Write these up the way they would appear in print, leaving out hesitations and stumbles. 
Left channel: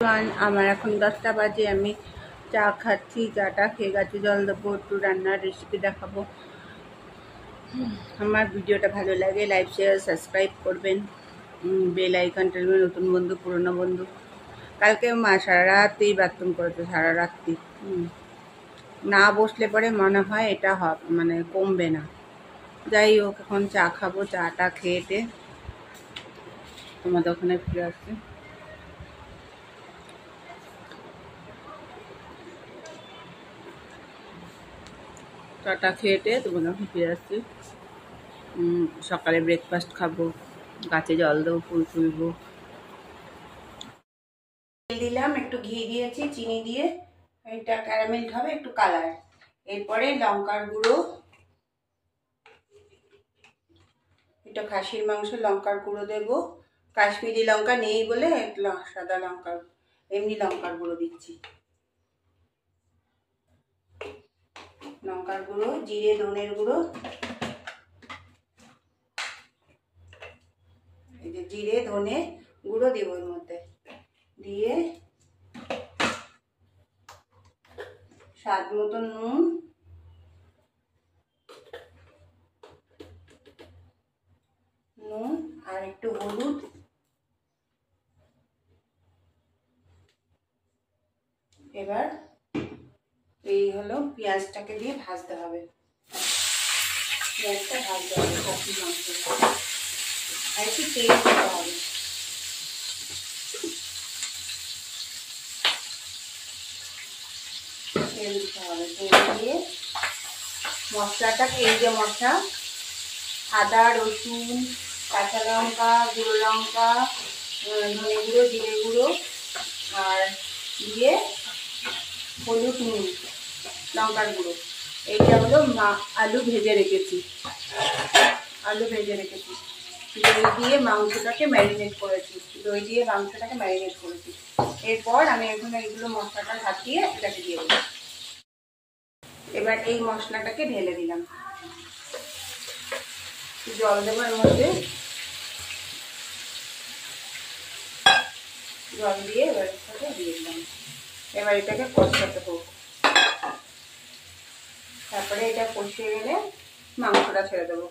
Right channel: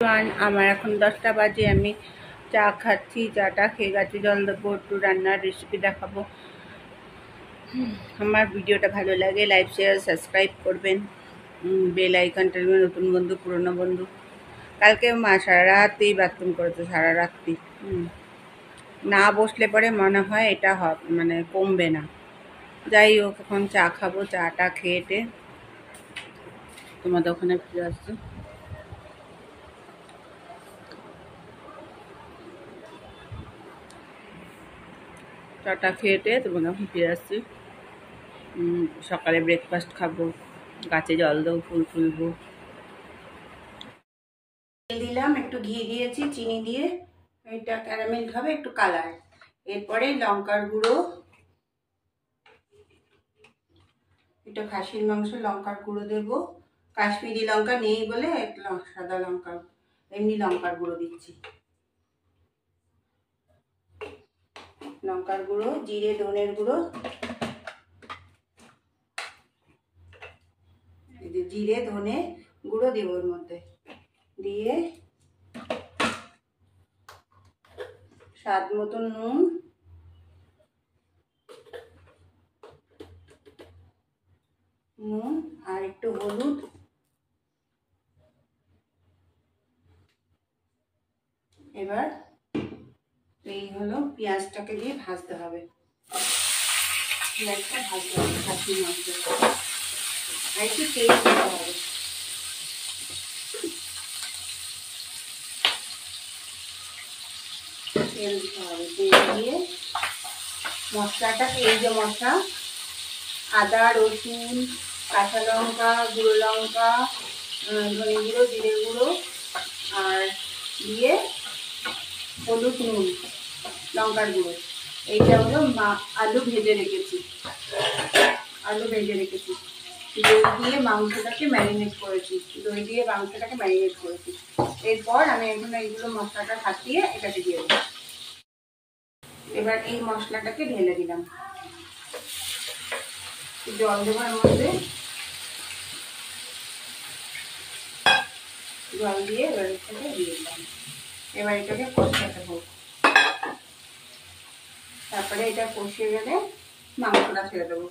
আমার এখন 10টা বাজে। আমি চা খাচ্ছি, চাটা খেয়ে গেছি, জল দেবো, একটু রান্নার রেসিপি দেখাবো। আমার ভিডিওটা ভালো লাগে লাইক শেয়ার সাবস্ক্রাইব করবেন, বেল আইকনটা দেবেন। নতুন বন্ধু পুরনো বন্ধু। কালকে মা সারা রাতেই বাথরুম করেছে, সারা রাত্রি। না বসলে পরে মনে হয় এটা মানে কমবে না। যাই হোক, এখন চা খাবো, চাটা খেয়েটে তোমাদের ওখানে ফিরে আসছে। চাটা খেয়েটে তোমাদের ওখানে ফিরে আসছি। সকালে ব্রেকফাস্ট খাবো, গাছে জল দেবো, ফুল তুলবো। তেল দিলাম, একটু ঘি দিয়েছি চিনি দিয়ে, এটা ক্যারামেল হবে, একটু কালার। এরপরে লঙ্কার গুঁড়ো, এটা খাসির মাংস, লঙ্কার গুঁড়ো দেবো। কাশ্মীরি লঙ্কা নেই বলে সাদা লঙ্কার, এমনি লঙ্কার গুঁড়ো দিচ্ছি। লঙ্কার গুঁড়ো, জিরে ধনের গুঁড়ো, এই যে জিরে ধনে গুঁড়ো দেবো এর মধ্যে, দিয়ে স্বাদ মতন নুন আর একটু হলুদ। এবার এই হলো, পেঁয়াজটাকে দিয়ে ভাজতে হবে, পেঁয়াজটা ভাজতে হবে খাসির মাংস, আর একটু তেল দিতে হবে। তেল দিতে হবে, তেল দিয়ে মশলাটাকে, এই যে মশলা, আদা রসুন কাঁচা লঙ্কা গুঁড়ো লঙ্কা ধনে গুঁড়ো জিরে গুঁড়ো আর দিয়ে হলুদ নুন লঙ্কার গুঁড়ো, এইটা হলো আলু ভেজে রেখেছি, দই দিয়ে মাংসটাকে ম্যারিনেট করেছি, এরপর আমি এখন এইগুলো মশলাটা হাতিয়ে এটাকে দিয়ে দেবো। এবার এই মশলাটাকে ঢেলে দিলাম, জল দেওয়ার মধ্যে জল দিয়ে এবার এটাকে দিয়ে দিলাম। এবার এটাকে কষাতে হোক, তারপরে এটা কষিয়ে গেলে মাংসটা ছেড়ে দেবো।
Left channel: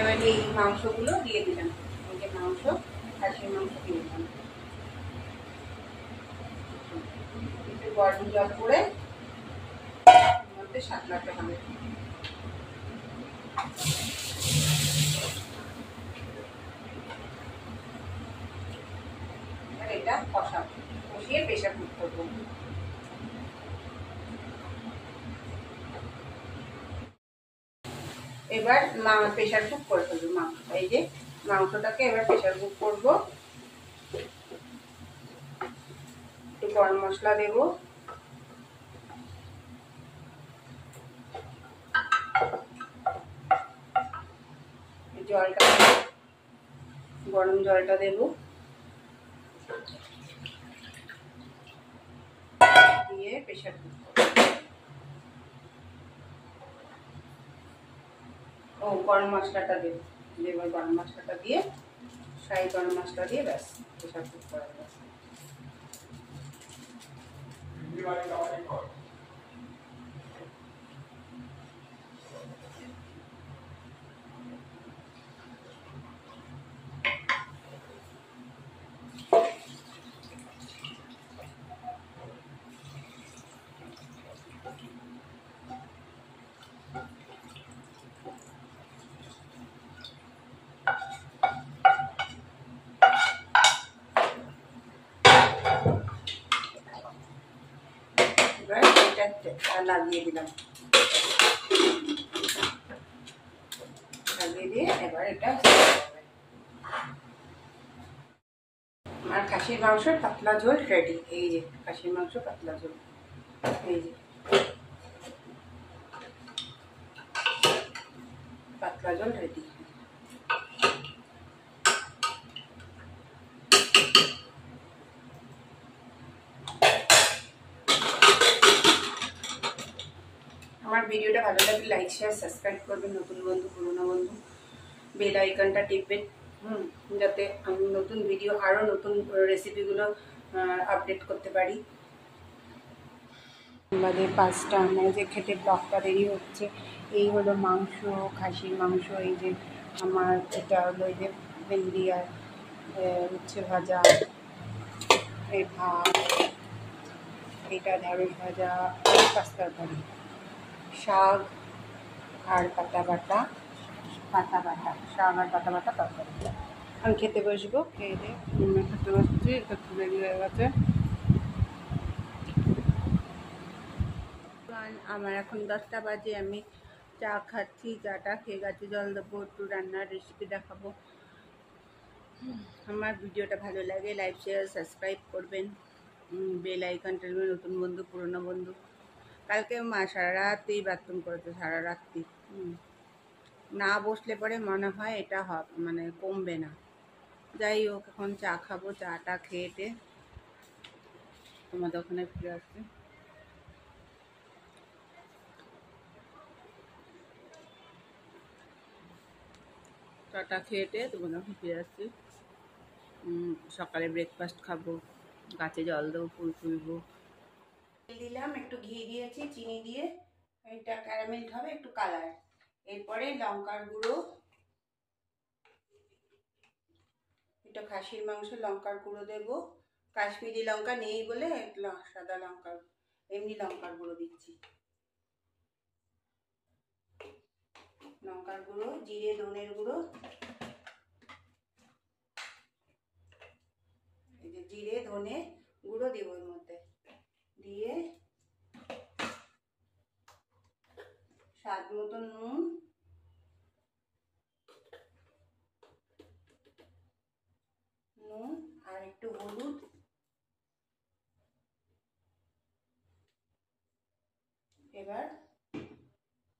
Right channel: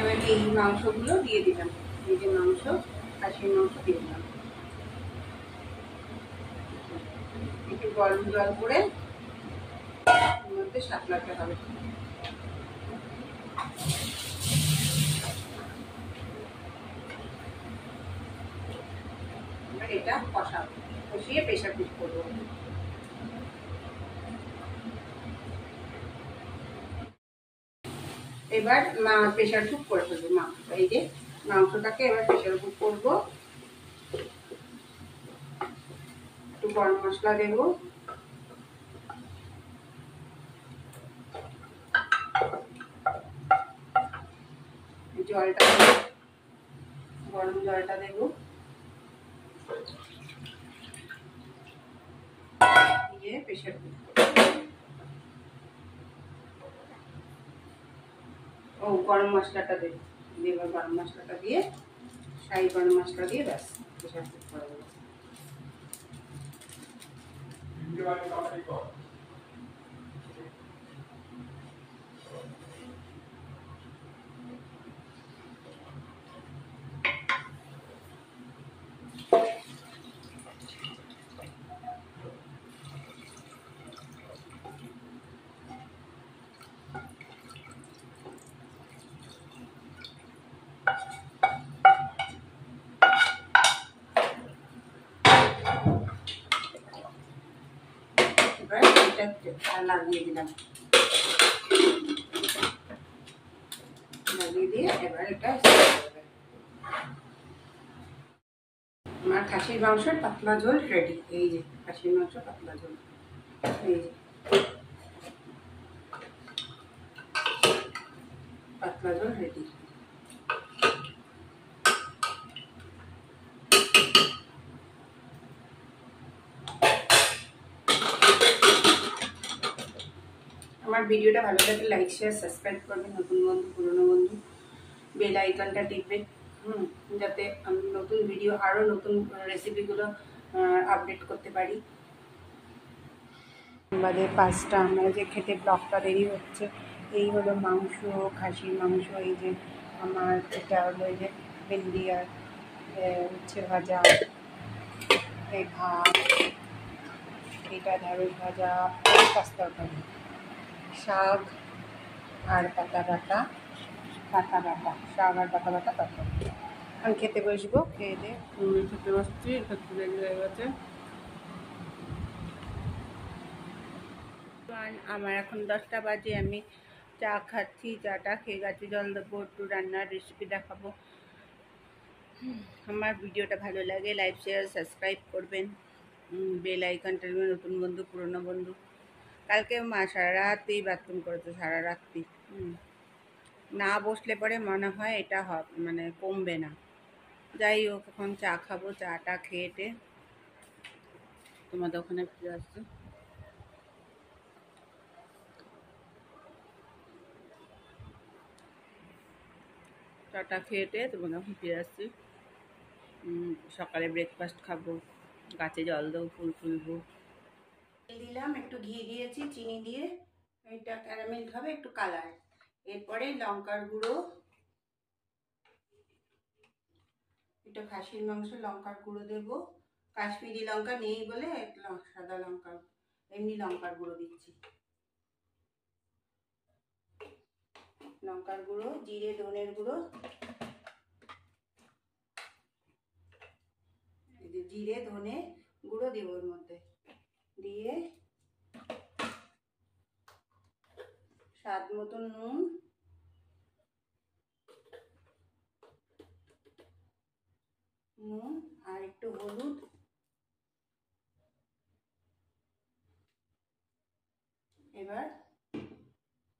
এবার এই মাংসগুলো দিয়ে দিলাম, এই যে মাংস, খাসির মাংস দিয়ে দিলাম। একটু গরম জল করে মধ্যে সাঁতলাতে হবে। এবার এটা কষিয়ে প্রেসার কুক করবো। এবার প্রেসার কুক করে ফেলবো মাংসটা, এই যে মাংসটাকে এবার প্রেসার কুক করবো। একটু গরম মশলা দেবো, জলটা গরম জলটা দেবো, দিয়ে প্রেসার কুক করবো। গরম মশলাটা দেবো, গরম মশলাটা দিয়ে, শাহি গরম মশলা দিয়ে ব্যাস প্রেসার কুক করে দেবো। এবার এটা লাগিয়ে দিলাম, লাগিয়ে দিয়ে এবার এটা আমার খাসির মাংসের পাতলা ঝোল রেডি। এই যে খাসির মাংস পাতলা ঝোল, এই যে পাতলা ঝোল রেডি। আমার ভিডিওটা ভালো লাগলে লাইক শেয়ার সাবস্ক্রাইব করবেন, নতুন বন্ধু পুরনো বন্ধু বেল আইকনটা টিপবেন। যাতে আমি নতুন ভিডিও আরও নতুন রেসিপিগুলো আপডেট করতে পারি। বাদে 5টা আমরা যে খেতে ব্লগটা দেরি হচ্ছে। এই হলো মাংস, খাসির মাংস। এই যে আমার এটা হলো এই যে ভেন্ডি আর উচ্ছে ভাজা, এই ভাত, এটা ঢ্যাঁড়স ভাজা, পাঁচ তরকারি, শাক আর পাতা বাটা, শাক আর পাতা বাটা তরকারি। আমি খেতে বসবো, খেয়ে দিয়ে খেতে বসছি, একটু দেরি হয়ে গেছে। আমার এখন 10টা বাজে, আমি চা খাচ্ছি, চাটা খেয়ে গেছি, জল দেবো, একটু রান্নার রেসিপি দেখাবো। আমার ভিডিওটা ভালো লাগে লাইক শেয়ার সাবস্ক্রাইব করবেন, বেল আইকনটা নতুন বন্ধু পুরনো বন্ধু। কালকে মা সারা রাতেই বাথরুম করেছে, সারা রাত্রি। না বসলে পরে মনে হয় এটা মানে কমবে না। যাই হোক, এখন চা খাবো, চাটা খেয়েটে তোমাদের ওখানে ফিরে আসছি। চাটা খেয়েটে তোমাদের ওখানে ফিরে আসছি। সকালে ব্রেকফাস্ট খাবো, গাছে জল দেবো, ফুল তুলবো। দিলাম, একটু ঘি দিয়েছি চিনি দিয়ে, এটা ক্যারামেল হবে, একটু কালার। এরপরে লঙ্কার গুঁড়ো, এটা খাসির মাংস, লঙ্কার গুঁড়ো দেবো। কাশ্মীরি লঙ্কা নেই বলে সাদা লঙ্কা, এমনি লঙ্কার গুঁড়ো দিচ্ছি। লঙ্কার গুঁড়ো, জিরে ধনের গুঁড়ো, এই যে জিরে ধনে গুঁড়ো দেবো এর মধ্যে, দিয়ে স্বাদ মতন নুন আর একটু হলুদ, এবার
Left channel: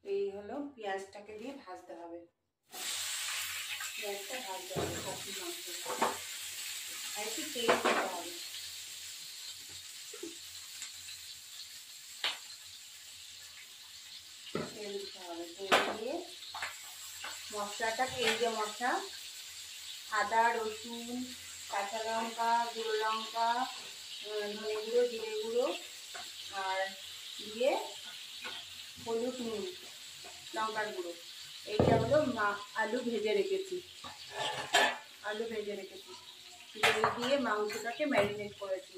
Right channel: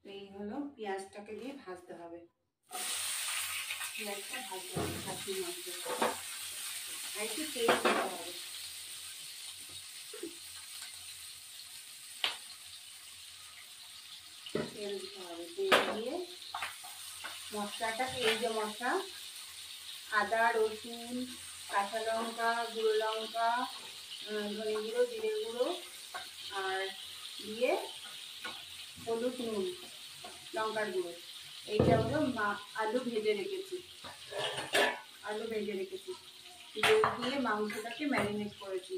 এই হলো পেঁয়াজটাকে দিয়ে ভাজতে হবে। পেঁয়াজটা ভাজতে হবে খাসির মাংস, আর একটু তেল দিতে হবে। তেল দিতে হবে, তেল দিয়ে মশলাটাকে, এই যে মশলা, আদা রসুন কাঁচা লঙ্কা গুঁড়ো লঙ্কা ধনে গুঁড়ো জিরে গুঁড়ো আর দিয়ে হলুদ নুন লঙ্কার গুঁড়ো, এইটা হলো আলু ভেজে রেখেছি, দই দিয়ে মাংসটাকে ম্যারিনেট করেছি,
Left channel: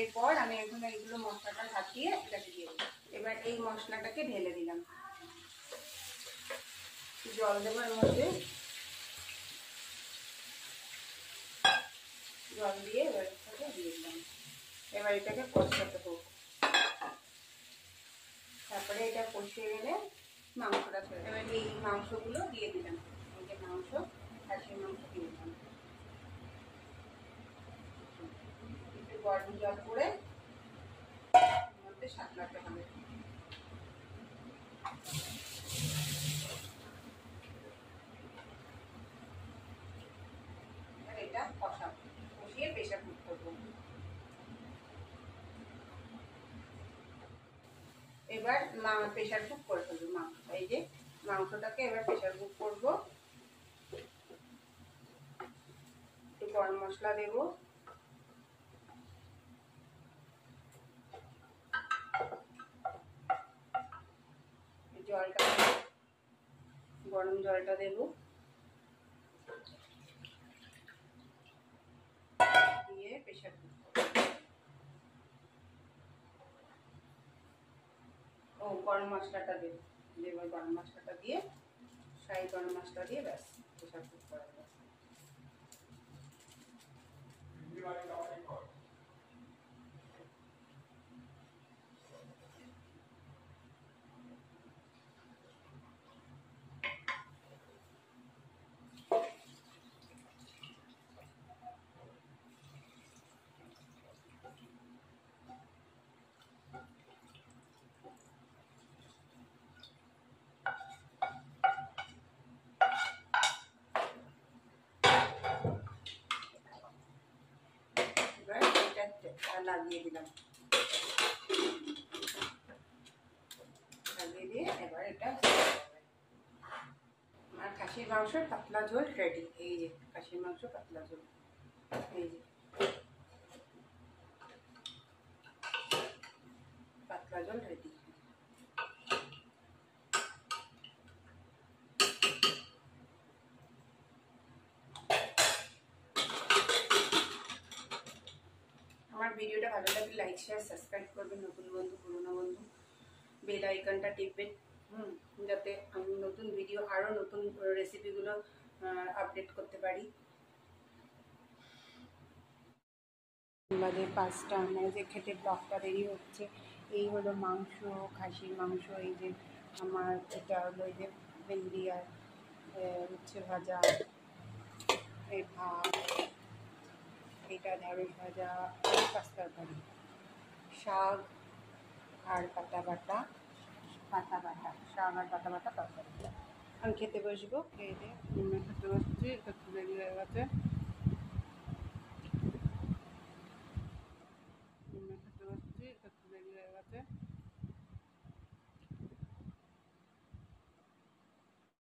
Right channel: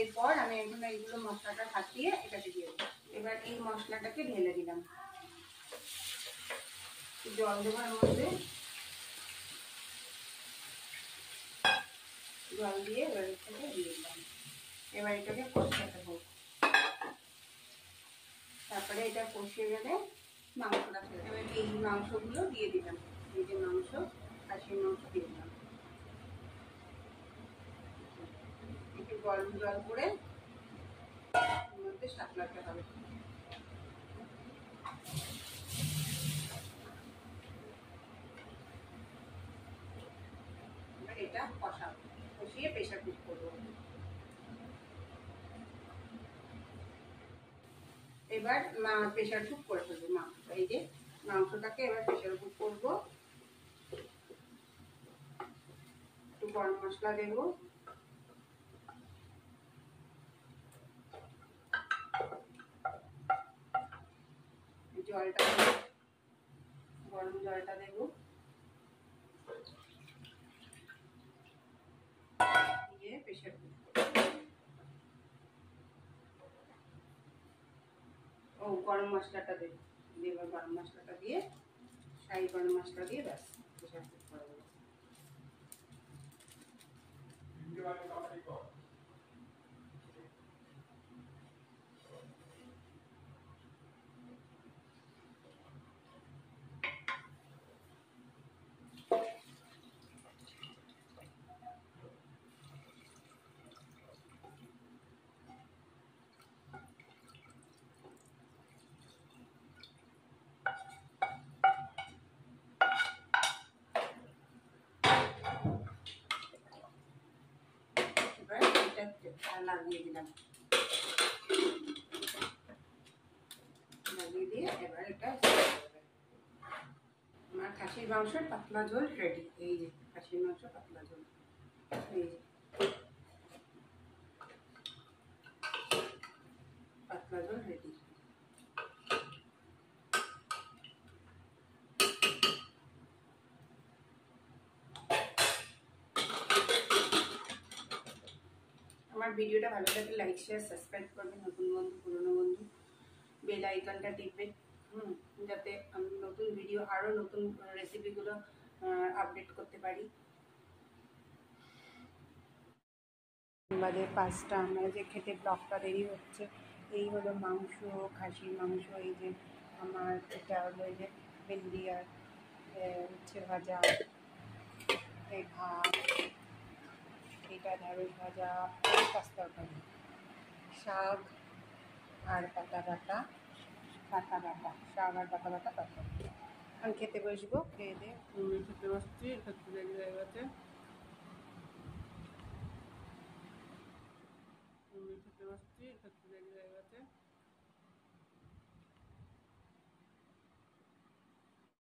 এরপর আমি এখন এইগুলো মশলাটা হাতিয়ে এটাকে দিয়ে দেবো। এবার এই মশলাটাকে ঢেলে দিলাম, জল দেবার মধ্যে জল দিয়ে এবার এটাকে দিয়ে দিলাম। এবার এটাকে কষাতে হোক, তারপরে এটা কষিয়ে গেলে মাংসটা ছেড়ে, এবার এই মাংসগুলো দিয়ে দিলাম, এই যে মাংস, খাসির মাংস দিয়ে দিলাম। একটু গরম জল করে মধ্যে সাঁতলাতে হবে। এবার এটা কষিয়ে প্রেশার কুক করবো। এবার প্রেশার কুক করে ফেলবো মাংসটা, এই যে মাংসটাকে এবার প্রেশার কুক করবো। একটু গরম মশলা দেবো, জলটা গরম জলটা দেবো, দিয়ে প্রেশার কুক গরম মশলাটা দেবো, গরম মশলাটা দিয়ে, শাহি গরম মশলা দিয়ে ব্যাস প্রেশার কুক করে দেবো। লাগিয়ে দিলাম, লাগিয়ে দিয়ে এবার এটা আমার খাসির মাংসের পাতলা ঝোল রেডি। এই যে খাসির মাংস পাতলা ঝোল, এই যে পাতলা ঝোল রেডি। আমার ভিডিওটা ভালো লাগলে লাইক শেয়ার সাবস্ক্রাইব করবেন, নতুন বন্ধু পুরনো বন্ধু বেল আইকনটা টিপবেন, যাতে আমি নতুন ভিডিও আরও নতুন রেসিপিগুলো আপডেট করতে পারি। বাদে 5টা আমরা যে খেতে ব্লগটা দেরি হচ্ছে। এই হলো মাংস, খাসির মাংস। এই যে আমার এটা হলো এই যে ভেন্ডি আর উচ্ছে ভাজা, এই ভাত, এটা ঢেঁড়স ভাজা, পাঁচ তরকারি, শাক আর পাতা বাটা শাক আর পাতা বাটা তরকারি। আমি খেতে বসবো, খেয়ে দিয়ে খেতে বসছি, একটু দেরি হয়ে গেছে। খেতে বসছি, একটু দেরি